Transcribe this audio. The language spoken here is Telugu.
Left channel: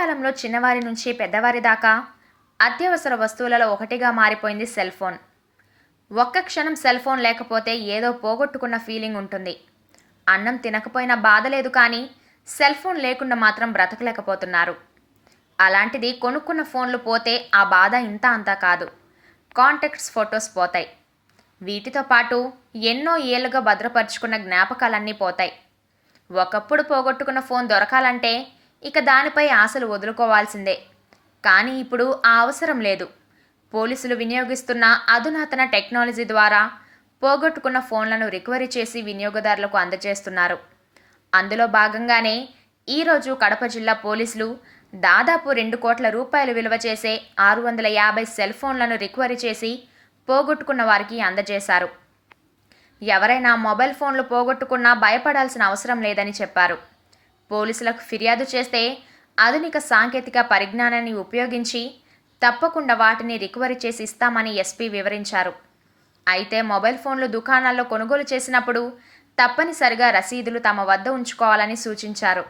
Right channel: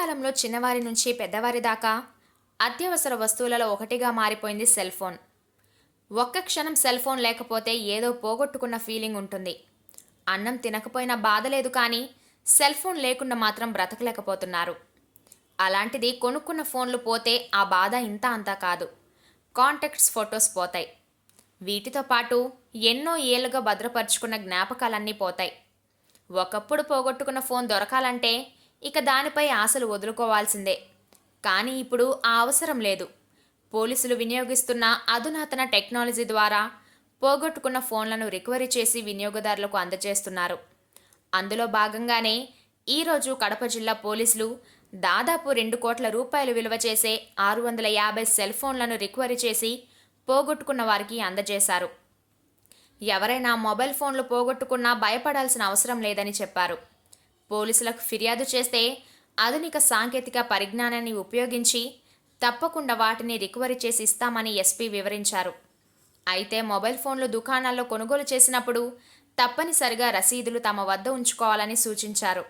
కాలంలో చిన్నవారి నుంచి పెద్దవారి దాకా అత్యవసర వస్తువులలో ఒకటిగా మారిపోయింది సెల్ ఫోన్. ఒక్క క్షణం సెల్ ఫోన్ లేకపోతే ఏదో పోగొట్టుకున్న ఫీలింగ్ ఉంటుంది. అన్నం తినకపోయినా బాధ లేదు కానీ సెల్ ఫోన్ లేకుండా మాత్రం బ్రతకలేకపోతున్నారు. అలాంటిది కొనుక్కున్న ఫోన్లు పోతే ఆ బాధ ఇంత అంతా కాదు. కాంటాక్ట్స్, ఫొటోస్ పోతాయి. వీటితో పాటు ఎన్నో ఏళ్లుగా భద్రపరుచుకున్న జ్ఞాపకాలన్నీ పోతాయి. ఒకప్పుడు పోగొట్టుకున్న ఫోన్ దొరకాలంటే ఇక దానిపై ఆశలు వదులుకోవాల్సిందే. కానీ ఇప్పుడు ఆ అవసరం లేదు. పోలీసులు వినియోగిస్తున్న అధునాతన టెక్నాలజీ ద్వారా పోగొట్టుకున్న ఫోన్లను రికవరీ చేసి వినియోగదారులకు అందజేస్తున్నారు. అందులో భాగంగానే ఈరోజు కడప జిల్లా పోలీసులు దాదాపు 2 కోట్ల రూపాయలు విలువ చేసే 650 సెల్ ఫోన్లను రికవరీ చేసి పోగొట్టుకున్న వారికి అందజేశారు. ఎవరైనా మొబైల్ ఫోన్లు పోగొట్టుకున్నా భయపడాల్సిన అవసరం లేదని చెప్పారు. పోలీసులకు ఫిర్యాదు చేస్తే ఆధునిక సాంకేతిక పరిజ్ఞానాన్ని ఉపయోగించి తప్పకుండా వాటిని రికవరీ చేసి ఇస్తామని ఎస్పీ వివరించారు. అయితే మొబైల్ ఫోన్లు దుకాణాల్లో కొనుగోలు చేసినప్పుడు తప్పనిసరిగా రసీదులు తమ వద్ద ఉంచుకోవాలని సూచించారు.